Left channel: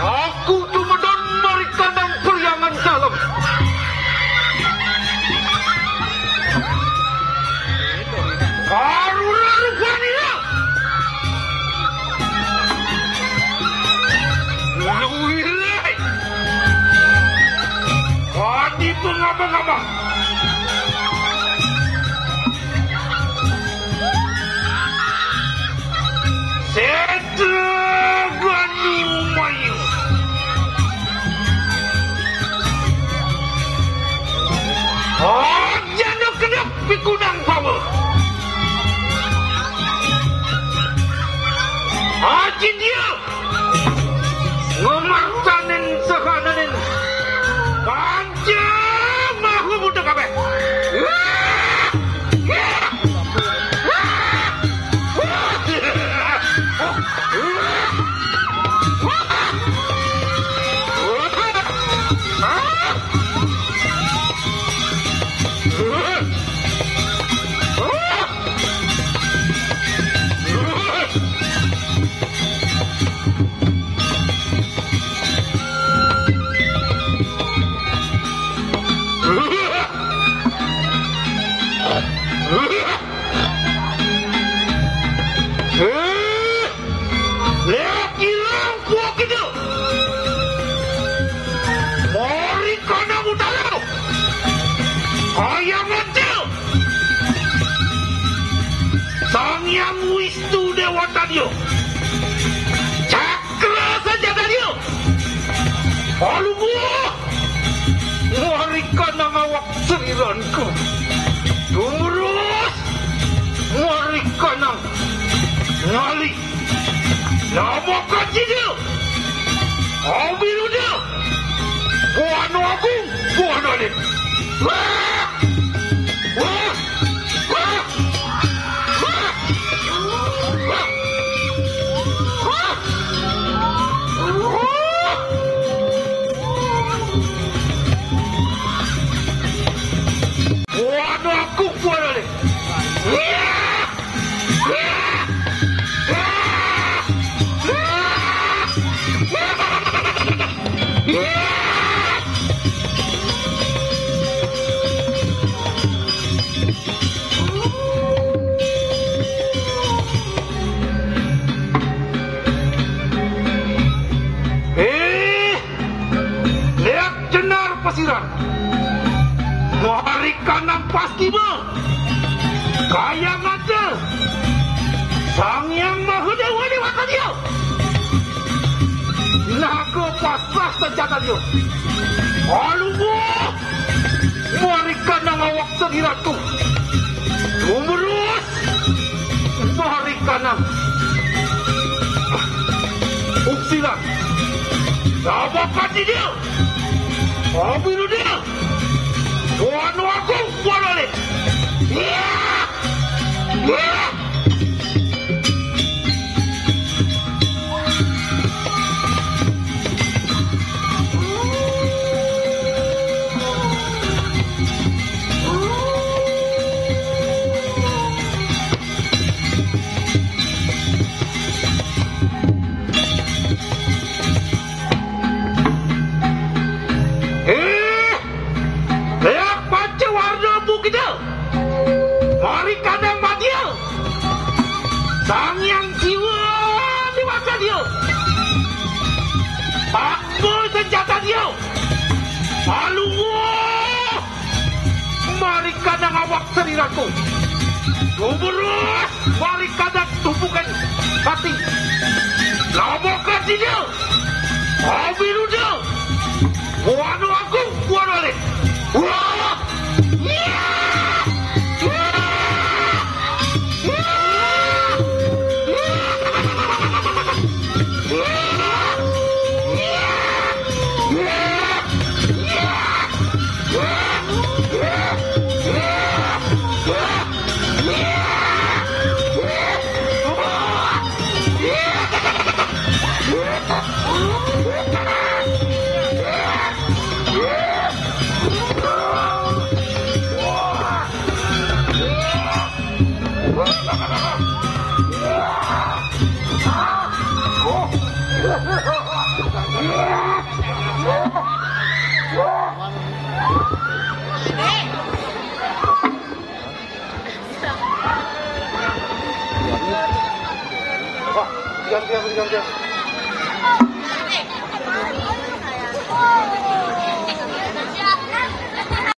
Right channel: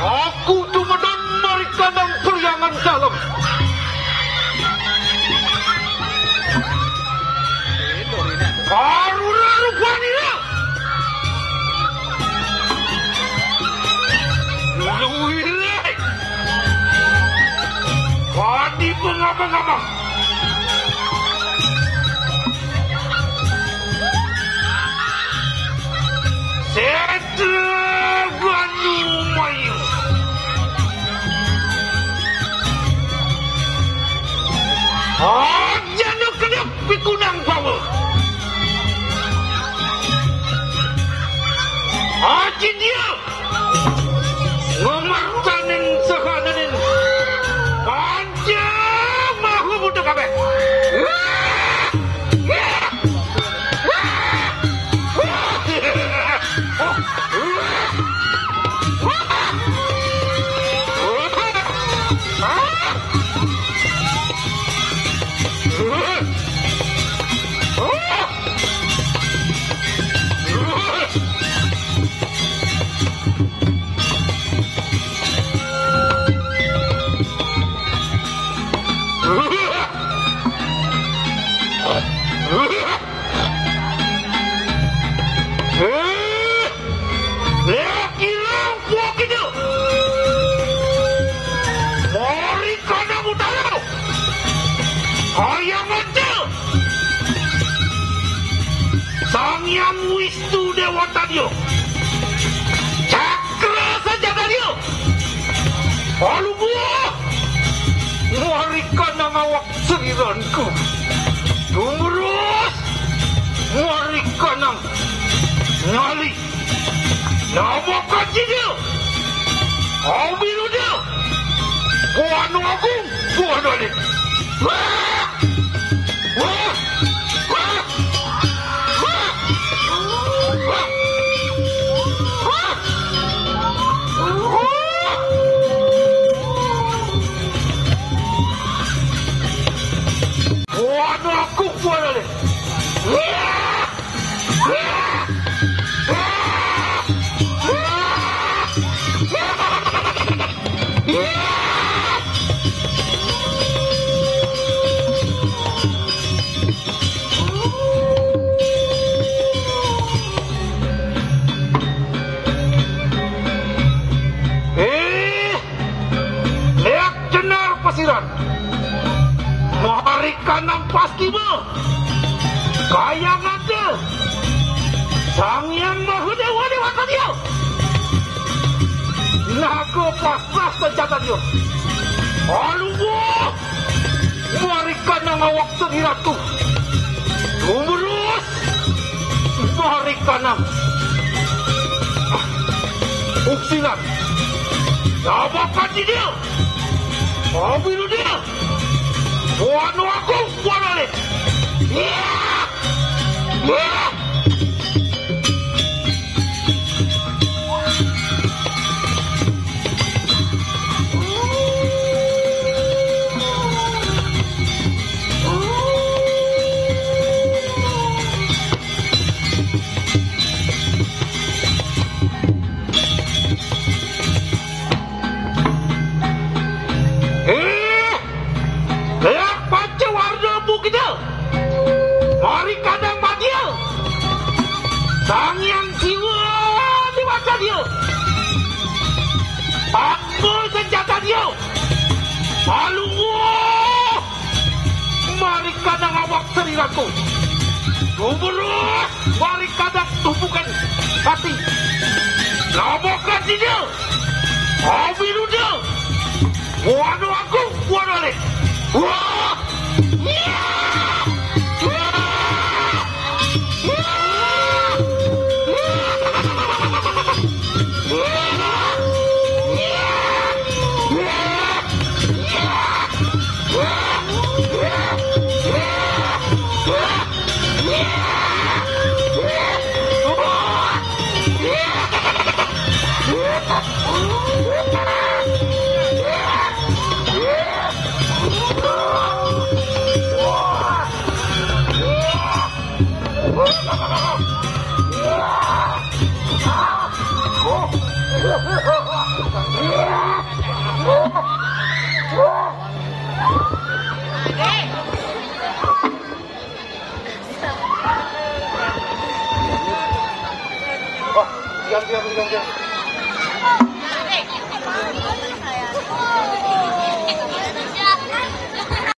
Aku kemudian mereka dan periangan dalam. Barulah rupanya. Luwih. Kadi pengabang-abang. Pikunang bawa. Akin dia. Ngemartanin sehananin. Panjang mahu muda kabe. Sang Wistu Dewa Tadyo, Cakra Senjata Dio, Alu buah, warikan awak seiranku, Tumurus, warikan ngali, Napak Pertiwi, Abilu dia, Buano Agung, Buano dia. Aku boleh. Lihat jenar pasiran. Marikan ang pasti mo. Kaya nga siya. Sang yang mahudewa dewata dia. Naga pasah senjata dia. Alu buah. Marikan ang awak senjata. Tumurus. Marikan ang uksilan. Nabakan dia. Abilu dia. Buano aku, buano ni. Marikan yang badia. Sang yang jiwa di mata dia. Apa senjata dia. Alu buah. Marikan yang awak seriraku. Tumurus. Marikan yang tumpukan hati. Nabakan dia. Abilu dia. Buano aku, buano ni. Wah. Oh, Diam.